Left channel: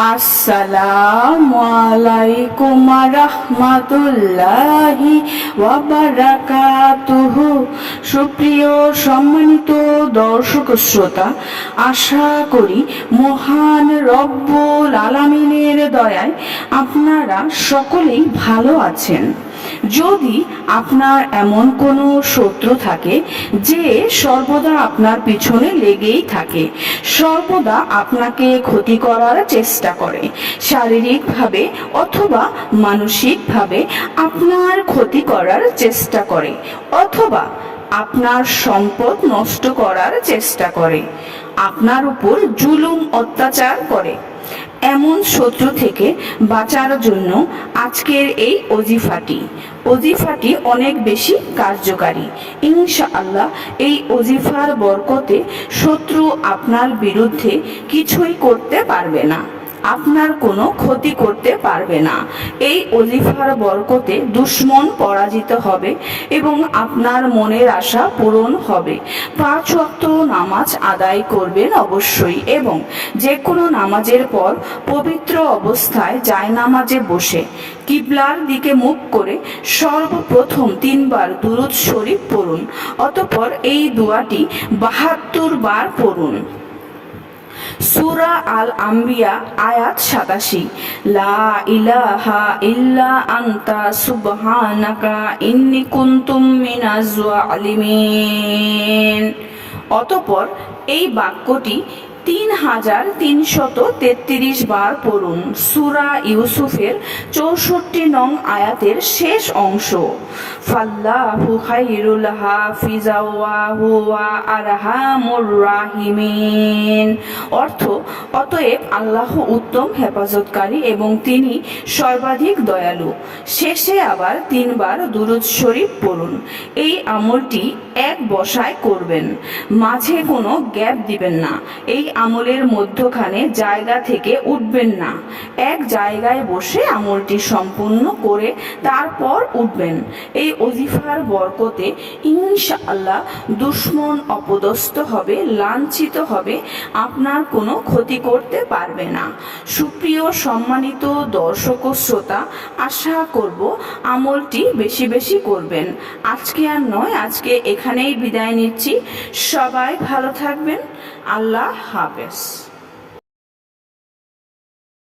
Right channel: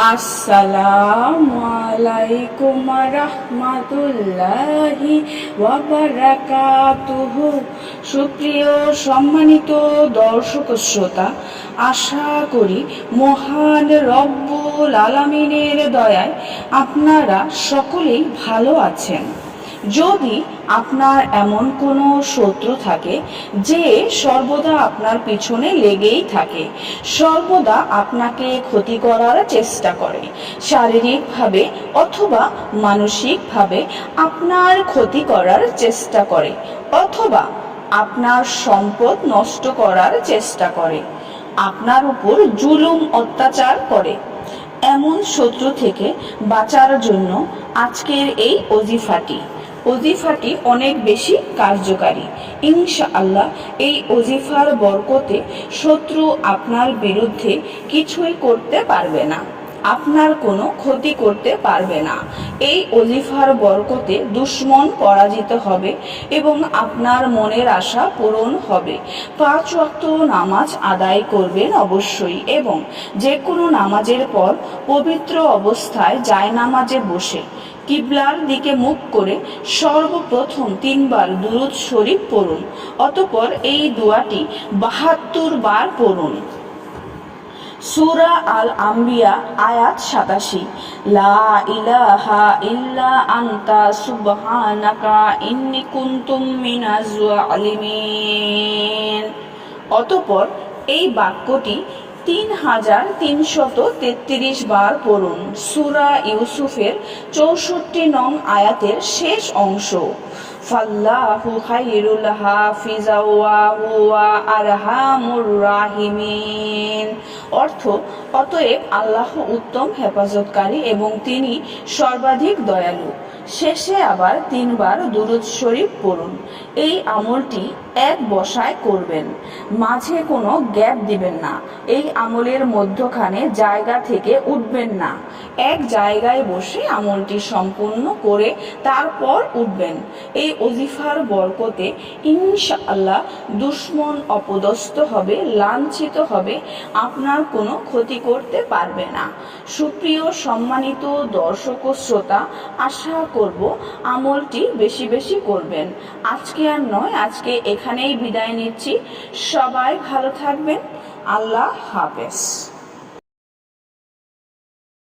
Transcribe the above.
আসসালামু রহমাতুল্লাহি ওয়াবারাকাতুহু সুপ্রিয় সম্মানিত দর্শক শ্রোতা, আশা করি মহান রব্বুল আলামিনের দয়ায় আপনারা সকলেই ভালো আছেন। যদি আপনার এমন কোনো শত্রু থাকে যে সর্বদা আপনার পিছনে লেগেই থাকে, সর্বদা আপনাকে ক্ষতি করার চেষ্টা করে। শারীরিকভাবে অথবা মানসিকভাবে আপনার ক্ষতি করার চেষ্টা করে, অথবা আপনার সম্পদ নষ্ট করার চেষ্টা করে। আপনার উপর জুলুম অত্যাচার করে। এমন শত্রু থেকে বাঁচার জন্য আজকের এই অজিফাটি অজিফাটি অনেক বেশি কার্যকারী। ইনশা আল্লাহ এই অজিফার বরকতে শত্রু আপনার বিরুদ্ধে কিছুই করতে পারবে না। আপনার কোনো ক্ষতি করতে পারবে না। এই অজিফার বরকতে দুশ্মন পরাজিত হবে এবং আপনার মনের আশা পূরণ হবে। পাঁচ ওয়াক্ত নামাজ আদায় করবেন অবশ্যই এবং যে কোনো নামাজের পর পবিত্র অবস্থায় যায় নামাজে বসে কিবলার দিকে মুখ করে সর্বপ্রথম তিনবার দুরুদ শরীফ পড়ুন, অতপর এই দোয়াটি বাহাত্তর বার পড়ুন। সুরা আল আমরিয়া আয়াত সাতাশি। লা ইলাহা ইল্লা আন্তা সুবহানাকা ইন্নি কুনতুম মিনাজ আলিমিন অতপর এই বাক্যটি তিন হাজার তিনশত তেত্রিশ বার পড়ুন সুরা ইউসুফের চৌষট্টি নং আয়াতের শেষ অংশ। ফাল্লাহু খাইরুল হাফিজা ওয়া আরহামুর রাহিমিন। অর্থ, অতএব আল্লাহ উত্তম হেফাজতকারী এবং তিনি সর্বাধিক দয়ালু। শেষে আবার তিনবার দুরুদ শরীফ পড়ুন। এই আমলটি এক বসায় করবেন। মাঝে কোনো গ্যাপ দিবেন না। এই আমলের মধ্যখানে জায়গা থেকে উঠবেন না। এক জায়গায় বসে আমলটি সম্পূর্ণ করে তারপর উঠবেন। এই অজিফার বরকতে ইনশাআল্লাহ দুশ্মন অপদস্থ হবে, লাঞ্ছিত হবে, আপনার কোনো ক্ষতি করতে পারবে না। সুপ্রিয় সম্মানিত দর্শক ও শ্রোতা, আশা করব আমলটি বেশি বেশি করবেন। আজকে আর নয়, আজকে এখানেই বিদায় নিচ্ছি। সবাই ভালো থাকবেন। আল্লাহ হাফেজ